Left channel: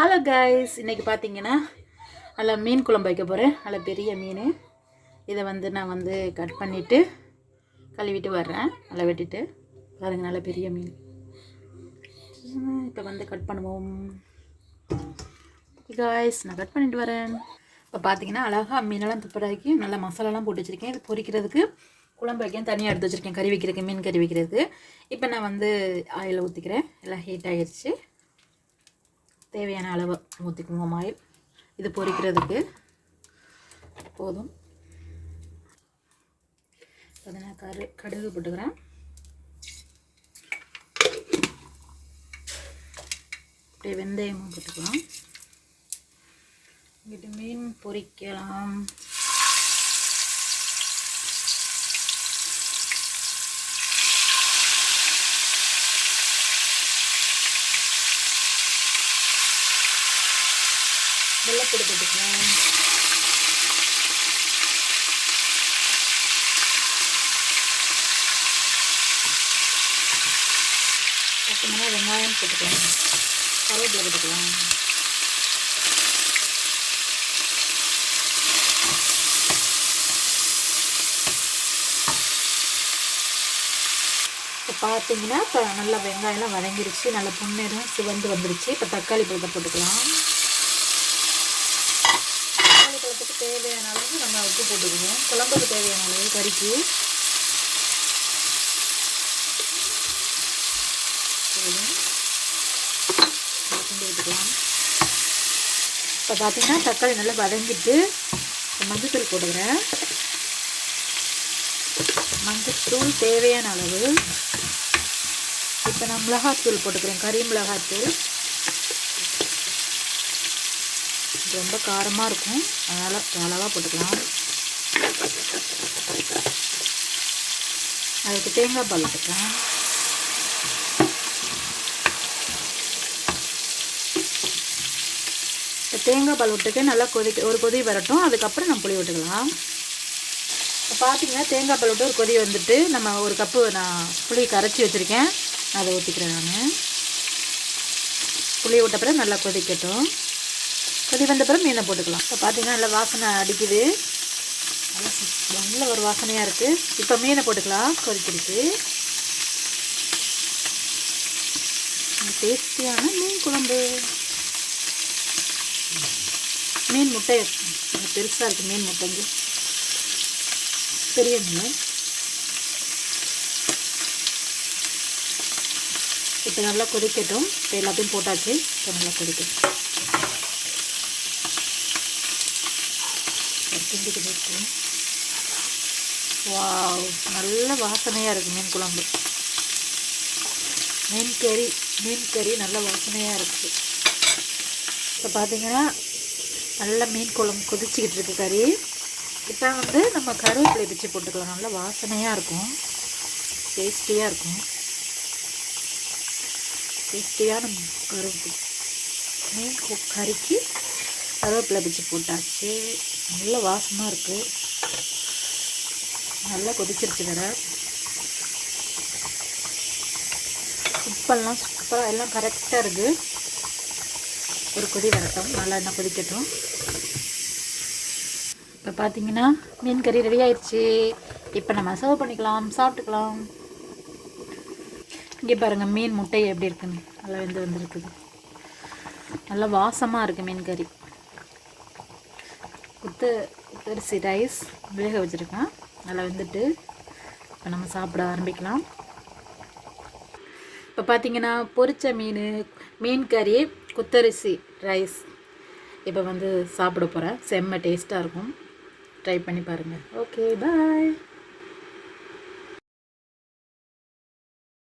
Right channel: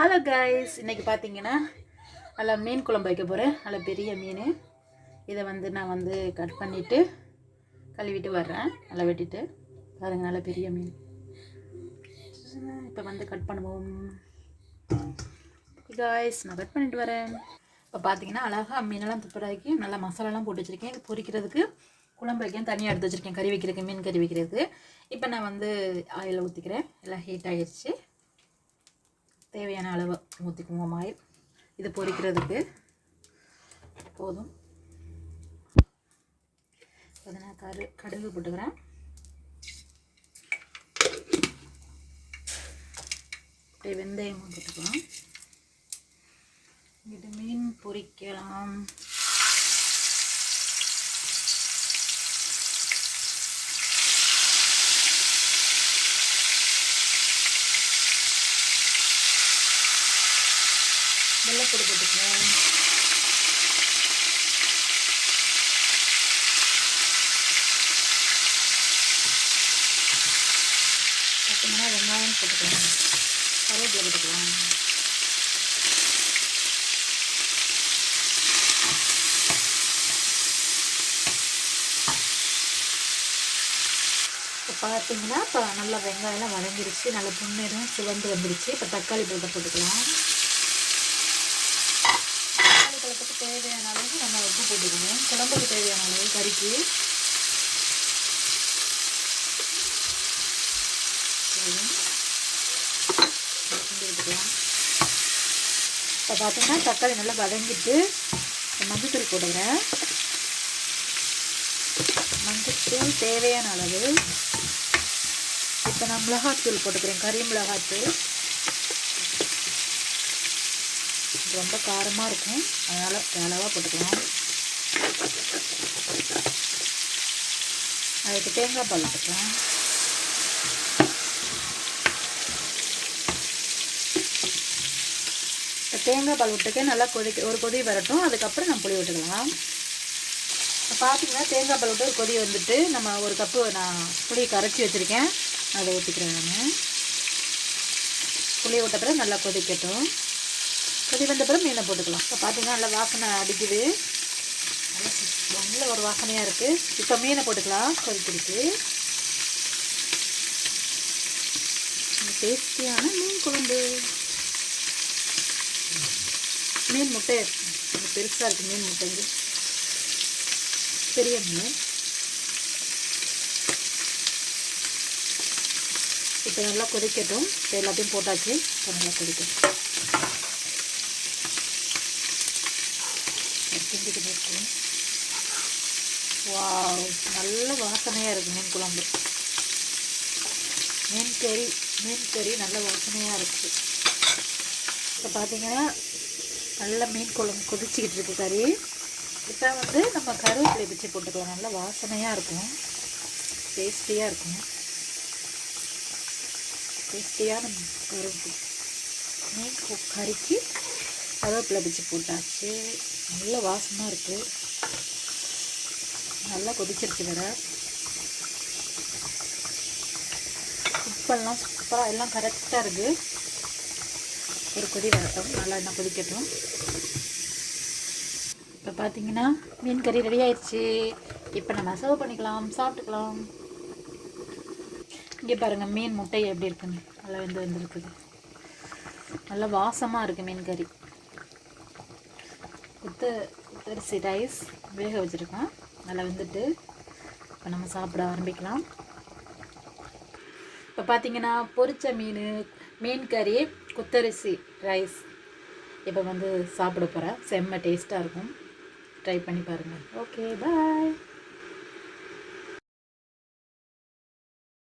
Hello guys, இன்றைக்கி பார்த்தீங்கன்னா நல்லா மீன் குழம்பு வைக்க போகிறேன். நல்லா பெரிய மீன். இதை நான் கட் பண்ணிவிட்டு கழுவிட்டு வர்றேன். நல்லா வெட்டிட்டு பாருங்கள், நல்லா பெரிய மீன். இப்போ கட் பண்ணுவோம் கைஸ். நான் கட் பண்ணிட்டு வரேன். இப்போ பார்த்தீங்கன்னா அழகாக மீனெல்லாம் துப்புராக்கி நல்லா மசாலாலாம் போட்டு வச்சுருக்கேன். இது பொரிக்கிறதுக்கு குழம்பு வைக்க தனியாக எடுத்து வச்சுருக்கேன். கறி வைக்கிறதுக்கு, மீன் கறி வைக்கிறதுக்கு. இப்போ நான் ஆயில் ஊற்றிக்கிறேன். எல்லாம் ஹீட் ஆகிடுச்சு. தேவையான அளவு ஊற்றிக்குவோம் ஆயில். இது பொரிக்கிறதுக்கு போதும். அதை நான் கடுகு போட்டுக்கிறேன். அப்படியே வெந்தயம் போட்டுக்கலாம். இங்கிட்டு மீன் பொரிக்கலாம். வெள்ளைப்பொடி போட்டுக்கலாம். பச்சைமிளகா, வெங்காயம் போட்டுக்கலாம். கருவேப்பிலை போட்டுக்கலாம். இப்போ பார்த்தீங்கன்னா இப்போ நல்லா வெங்காயம்லாம் வதங்கிருச்சு. நல்லா புண்ணேரம் சிவந்து வந்துருச்சு. இப்போ தக்காளி போட்டுக்கலாம். தேவையான அளவுக்கு நம்ம உப்பு போட்டுக்குவோம். குழம்புக்கு தேவையான அளவு கறிக்கு விட்டுக்கலாம். இப்போ பார்த்தீங்கன்னா தக்காளி நல்லா வதங்கிட்டு மஞ்சத்தூள் போட்டுக்கிறேன். மஞ்சத்தூள் தேவையான அளவு. இப்போ நான் மிளகாத்தூள் போட்டுக்கிறேன். கறி மிளகாத்தூள் ரொம்ப காரமாக இருக்கும், அதனால் அளவாக போட்டுக்கலாம். அதுக்கு தேங்காய் பால் போட்டுக்கலாம். இப்போ தேங்காய் பால் விட்டுக்க நல்லா ஒரு கொதி வரட்டும். அதுக்கப்புறம் நம்ம புளி விட்டுக்கலாம். இப்போ பார்த்தீங்கன்னா தேங்காய் பால் விட்டு ஒரு கொதி வந்துட்டு நம்ம ஒரு கப்பு நான் புளி கரைச்சி வச்சுருக்கேன். அதை ஊற்றிக்கிறேன். நான் புளி விட்ட பிறகு நல்லா கொதிக்கட்டும். கொதி வந்த பிறகு மீனை போட்டுக்கலாம். இப்போ பார்த்தீங்கன்னா நல்லா வாசனை அடிக்குது. நல்ல ஒரு வாசனையாக இருக்குது. இப்போ மீனை போட்டுக்கலாம். கொதிக்கிருக்கு. டேஸ்டியான மீன் குழம்பு. மீன் முட்டை பெருசாக இருக்குது. மீன் முட்டைங்க பெரிய மீன். இப்போ நல்லா கொதிக்கட்டும். இப்போ எல்லாத்தையும் போட்டாச்சு. இப்போ நல்லா கொதிக்கட்டும். வாவ், நல்ல வாசனையாக இருக்குது மீன் குழம்பு. மீன் கறி நல்ல வாசனையாக இருக்குது. இப்போ பார்த்தீங்கன்னா நல்ல மீன் குழம்பு கொதிச்சுக்கிட்டு இருக்கு கறி. இப்போ நம்ம கருவேப்பிலை பிச்சு போட்டுக்கலாம். நல்ல வாசனையாக இருக்கும், டேஸ்டியாக இருக்கும். டேஸ்டியான மீன் கறிக்கு கருவேப்பிலை பிச்சு போட்டாச்சு. நல்ல வாசமாக இருக்குது. நல்லா கொதிச்சிருச்சு வேறு. உப்பெல்லாம் சூப்பராக எல்லாம் கரெக்டாக இருக்குது. ஒரு கொதி வரட்டும். நல்லா என்ன கொதிக்கட்டும். இப்போ பார்த்தீங்கன்னா மீன் கறி ரெடி ஆயிடுச்சு. இப்போ நம்ம சர்வ் பண்ணிக்கலாம், சாப்பிட்டுக்கலாம். இங்கே பாருங்கள் மீன் முட்டை எப்படி இருக்குன்னு. நல்லா வந்துருக்குது. நல்லா வாசமாக இருக்குது மீன் கறி. குத்தரிசி ரைஸ் வேக வச்சுருக்கேன். நல்லா வெந்துட்டு இப்போ நம்ம சாப்பிட ஆரம்பிக்கலாம். இப்போ பார்த்தீங்கன்னா பொரிச்ச மீன் கறி, குத்தரிசி ரைஸ் இப்போ சாப்பிட போகிறேன். செம்ம டேஸ்ட்டாக இருக்கும். ட்ரை பண்ணி பாருங்கள். ஓகே, பாய்.